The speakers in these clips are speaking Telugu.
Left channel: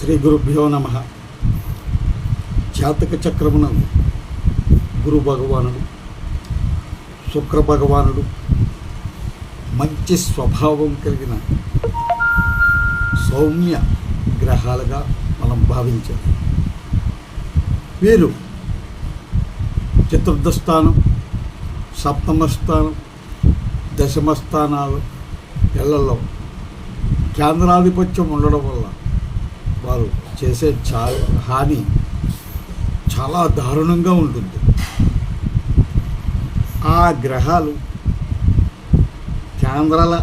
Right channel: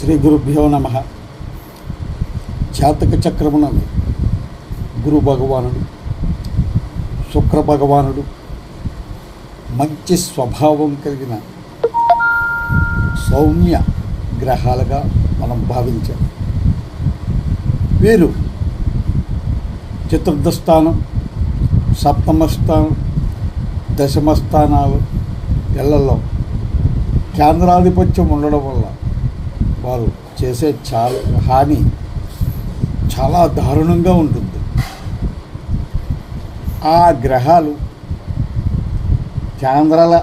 శ్రీ గురుభ్యో నమ. జాతక చక్రమునందు గురు భగవానుడు, శుక్ర భగవానుడు మంచి స్వభావం కలిగిన సౌమ్య గ్రహాలుగా మనం భావించాలి. వీరు చతుర్థ స్థానం, సప్తమ స్థానం, దశమ స్థానాలు ఇళ్లలో కేంద్రాధిపత్యం ఉండడం వల్ల వారు చేసే హాని చాలా దారుణంగా ఉంటుంది. ఆ గ్రహాలు కేంద్రాల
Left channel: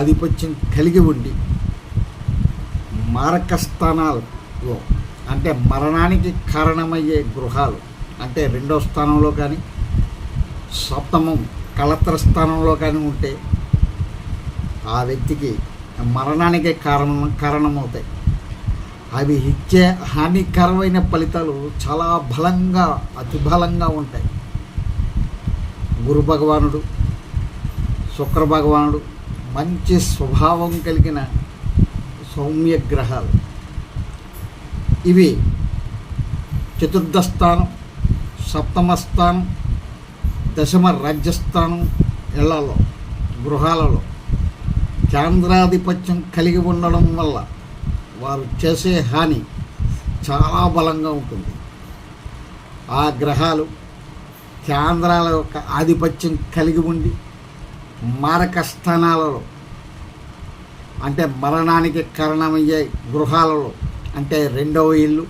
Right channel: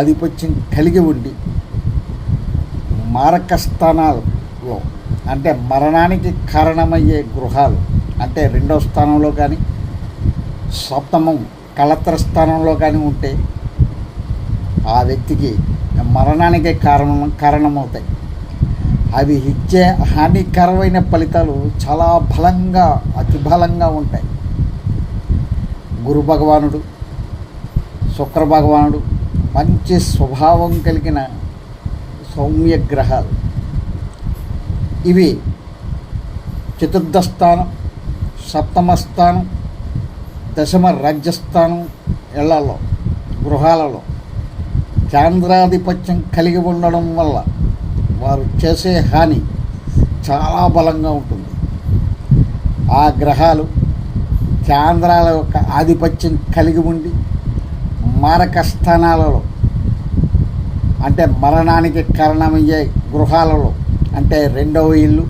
ఆధిపత్యం కలిగి ఉండి మారక స్థానాలలో అంటే మరణానికి కారణమయ్యే గృహాలు అంటే రెండవ స్థానంలో కానీ సప్తమం కళత్ర స్థానంలో కానీ ఉంటే ఆ వ్యక్తికి మరణానికి కారణమవుతాయి. అవి ఇచ్చే హానికరమైన ఫలితాలు చాలా బలంగా, అతి బలంగా ఉంటాయి. గురు భగవానుడు, శుక్ర భగవానుడు మంచి స్వభావం కలిగిన సౌమ్య గ్రహాలు. ఇవి చతుర్థ స్థానం, సప్తమ స్థానం, దశమ రాజ్యస్థానం ఇళ్లలో గృహాలలో కేంద్రాధిపత్యం కలిగి ఉండడం వల్ల వారు చేసే హాని చాలా బలంగా ఉంటుంది. ఆ గ్రహాలు కేంద్రాల యొక్క ఆధిపత్యం కలిగి ఉండి మారక స్థానాలలో అంటే మరణానికి కారణమయ్యే గృహాలలో అంటే రెండవ ఇల్లు,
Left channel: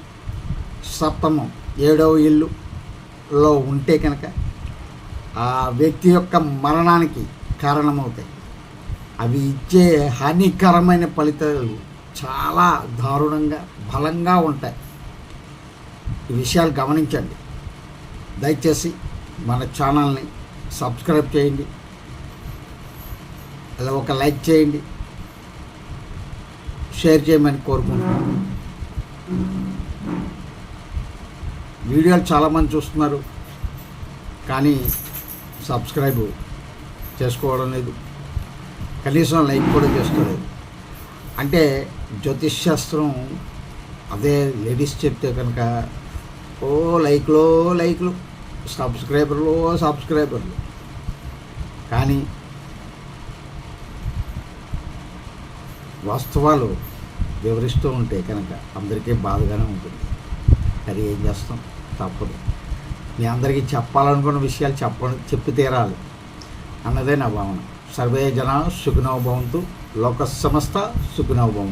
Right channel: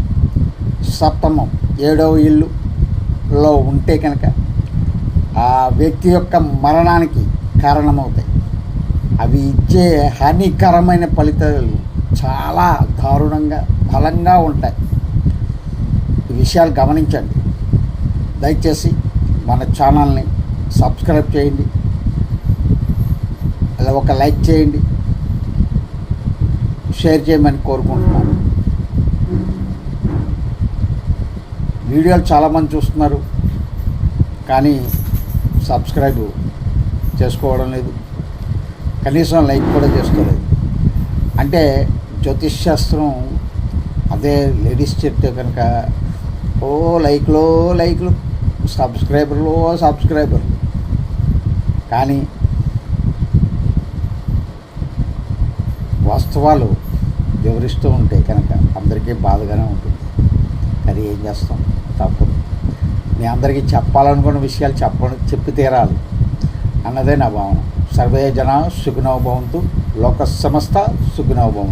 సప్తమం, ఏడవ ఇల్లులో ఉంటే కనుక ఆ వ్యక్తి యొక్క మరణానికి కారణమవుతాయి. అవి ఇచ్చే హానికరమైన ఫలితాలు చాలా దారుణంగా బలంగా ఉంటాయి. ఈ విషయాలు గమనించండి. దయచేసి మన ఛానల్ని సబ్స్క్రైబ్ చేయండి, అలా ఒక లైక్ చేయండి, షేర్ చేయమని కోరుకుంటున్నాను. వీడియోలు చాలామంది చూస్తున్నారు కానీ సబ్స్క్రైబ్ చేసుకోవడం లేదు, కనీసం లైక్ కూడా చేసుకోలేదు. అంటే జ్యోతిష్ శాస్త్రం అదే లేడీస్ చెప్తే కనుక లైక్లు సబ్స్క్రైబర్లు కానీ వాస్తవాలు వివరిస్తూ ఉంటే కనుక అందరికీ బాధగానే ఉంటుంది. అది ఏం చేస్తాం, తప్పదు. మీ అందరికీ చెప్పాలనుకున్న విషయాలు చెప్పి తీరాలి అన్నదే నా భావన. సర్వే జనా సుఖినో భవంతు, లోక సమస్త సుఖినో భవంతు.